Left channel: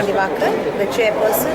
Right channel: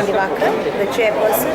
Divakar, the chairperson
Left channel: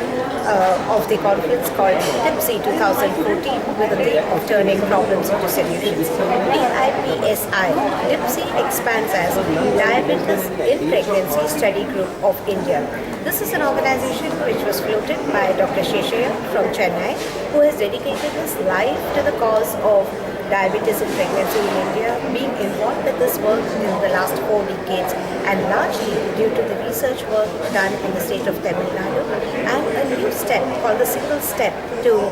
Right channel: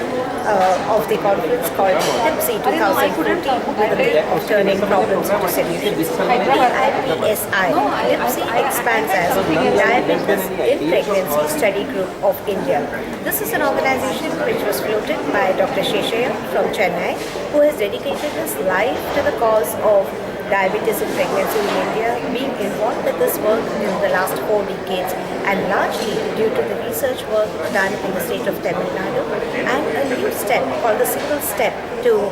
of the conference called TIPSI 2014 with the theme of turning problems into solutions. DIPSI, TIPSI expands as Diabetes in Pregnancy Study Group of India. This is an organization which was floated by Dr. Sheshaya from Chennai, who has dedicated his life to the cause of diabetes in pregnancy in India, being involved with this work in the last 4 decades and largely due to the research work done in the state of Tamil Nadu and a new step called the single step to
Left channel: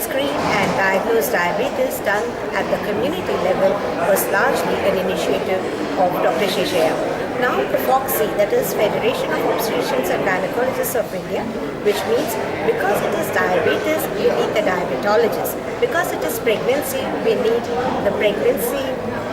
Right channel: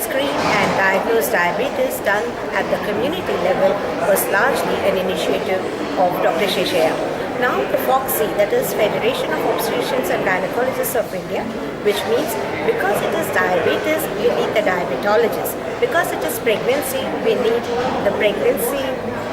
screen and diagnose diabetes done at the community level was largely an initiative of Dr. Sheshaya. Now the FOGSI, that is Federation of Obstetricians and Gynecologists of India, which means because it is diabetes, we need the diabetologist. Because it is pregnancy, we need the pregnancy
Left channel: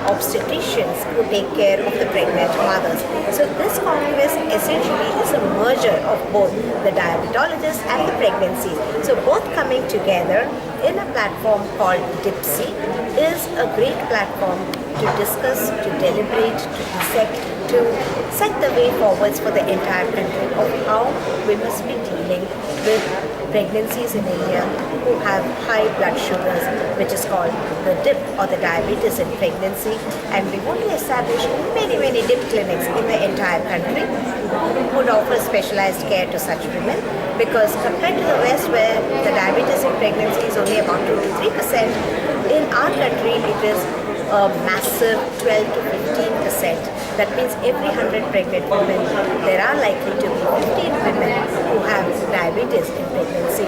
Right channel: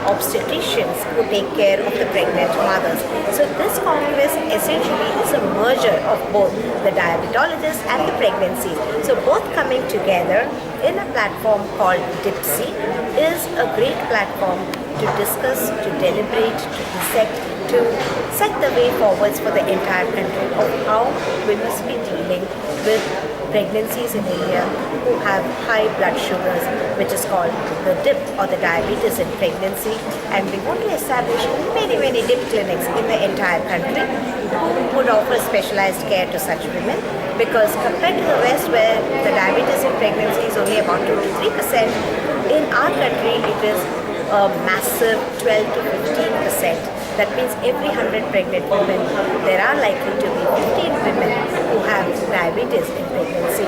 obstetricians who take care of the pregnant mothers. So this congress essentially is a merger of both the diabetologists and the pregnancies. So both coming together in a platform called DIPSI is a great platform to discuss, to deliberate, to dissect, to set the way forwards for the entire country of how we must be dealing with pregnancies in India who have high blood sugars, which is called the DIP or the diabetes in pregnancy. And we want to establish many DIP clinics in the entire country who would offer specialized care to such women, because compared to the West where the diabetes in pregnancy is only about 2 to 3%, in our country it is a massive 12 to 15%. That means every 100 pregnant women, there are likely to be 15 women who have diabetes in pregnancy.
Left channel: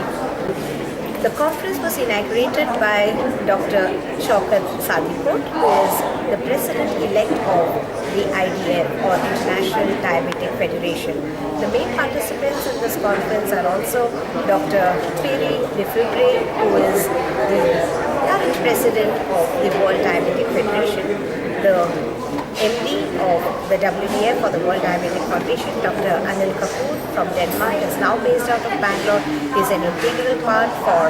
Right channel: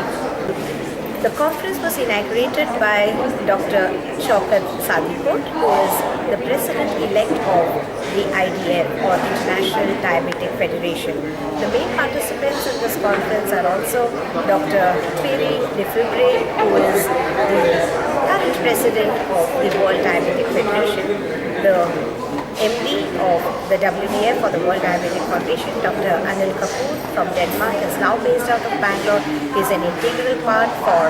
The conference was inaugurated by Dr. Shaukat Sadikot, who is the president-elect of the IDF or International Diabetic Federation. The main participants in this conference are also Dr. Thierry Lefebvre, who is the current president of the World Diabetic Federation, the MD of the WDF or the World Diabetic Foundation, Dr. Anil Kapoor from Denmark, is now based out of Bangalore. He is an integral part for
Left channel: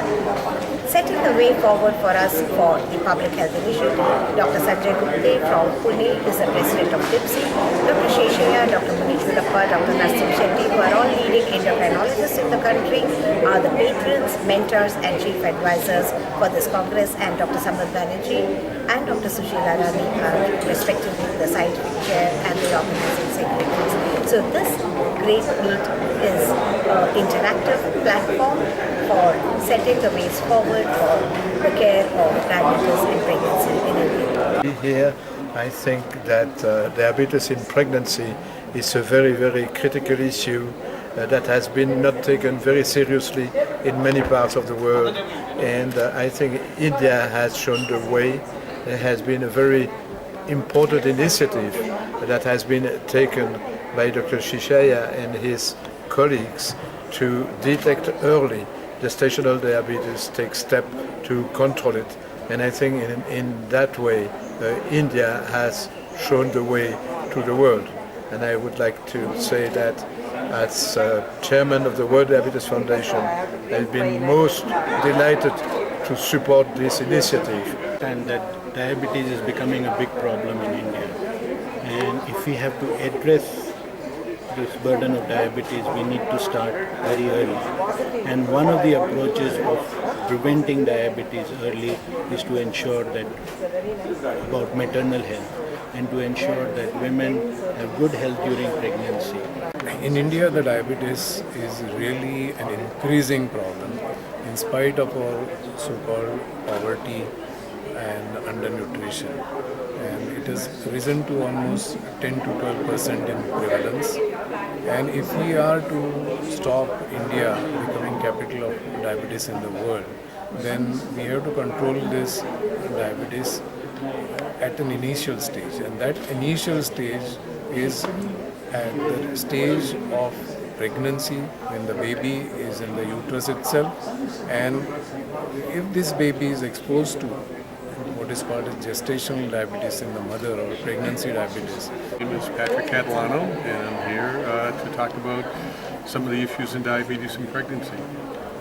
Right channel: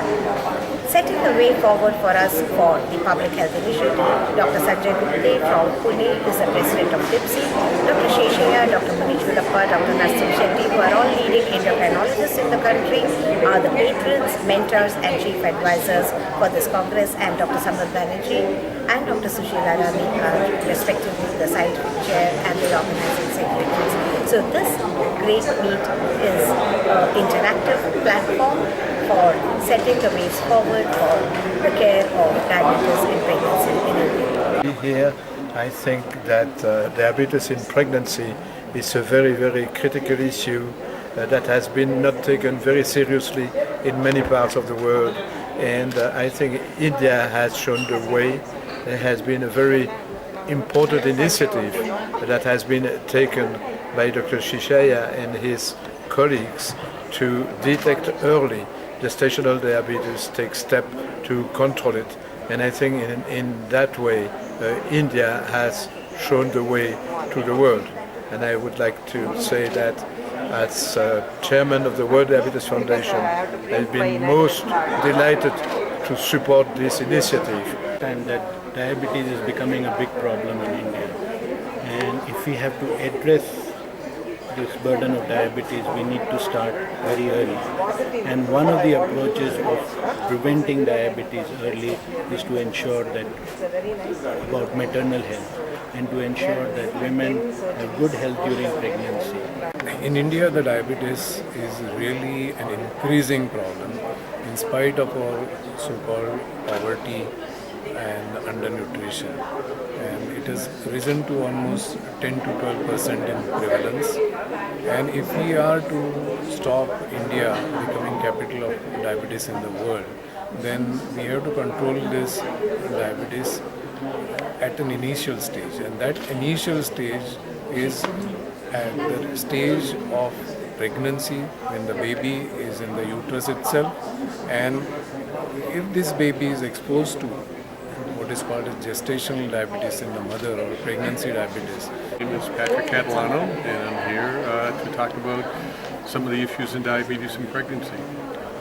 setting the way forward for us for the public health initiative. Dr. Sanjay Gupte from Pune is the president of DIPSI. Dr. Sheshaya, Dr. Munish Vidappa, Dr. Narsim Shetty, who are all leading endocrinologists in the country, are the patrons, mentors and chief advisors for this congress, and Dr. Samrat Banerjee and Dr. Sushila Rani are respectively the scientific chair and the organizing secretaries. So this great meet is an interactive platform for setting the ways forward for the care of diabetes in pregnancy in India. Here, I think that diabetes in pregnancy is a very critical issue that has been not taken very seriously in many parts of the world. And I think India has shown the way. There has been a very important initiative that has been taken by Dr. Sheshaya and his colleagues to detect early gestational diabetes, take step to control it. And I think in that way, India has shown the way to the world. And I would like to say that as chairman of the World Diabetes Foundation, I've been most delighted to support this initiative. And that diabetes is becoming a big problem in India. And if we have to address this burden of diabetes, we need to start very early. And one of the approaches of preventing diabetes early is to ensure that about maternal health and to ensure that women have good health during pregnancy. In India, the diabetes is really an increasing problem in spite of our so-called poverty and undernutrition. And it has risen to almost 10 to 12% in prevalence. And if we are to stop India becoming capital of diabetes in the world, then we have to control this diabetes at an initial stage. And that initial stage is at the stage of pregnancy, when the baby is in the uterus itself. And if this baby is exposed to what is called as gestational diabetes in the mother or pregnancy diabetes. My name is Patrick Catalano, and I'm here to talk about some of the issues in diabetes in pregnancy.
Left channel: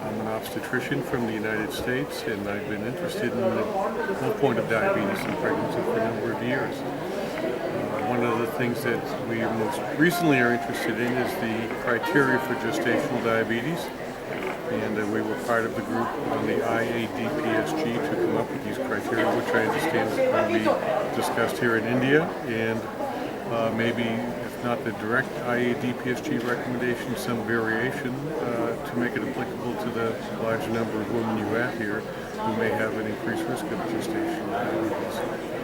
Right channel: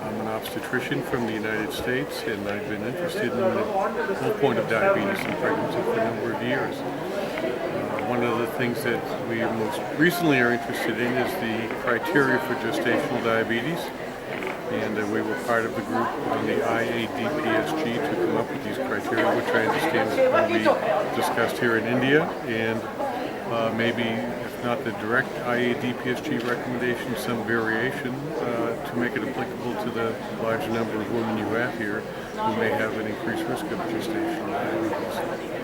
I'm an obstetrician from the United States, and I've been interested in the whole point of diabetes in pregnancy for a number of years. One of the things that we most recently are interested in is the criteria for gestational diabetes, and we were part of the group on the IADPSG to come up with these criteria, which I understand is going to be discussed here in India, and maybe, if not the direct IADPSG recommendation, some variation to make it applicable to the large number of women you have here who may have an increased risk of gestational diabetes.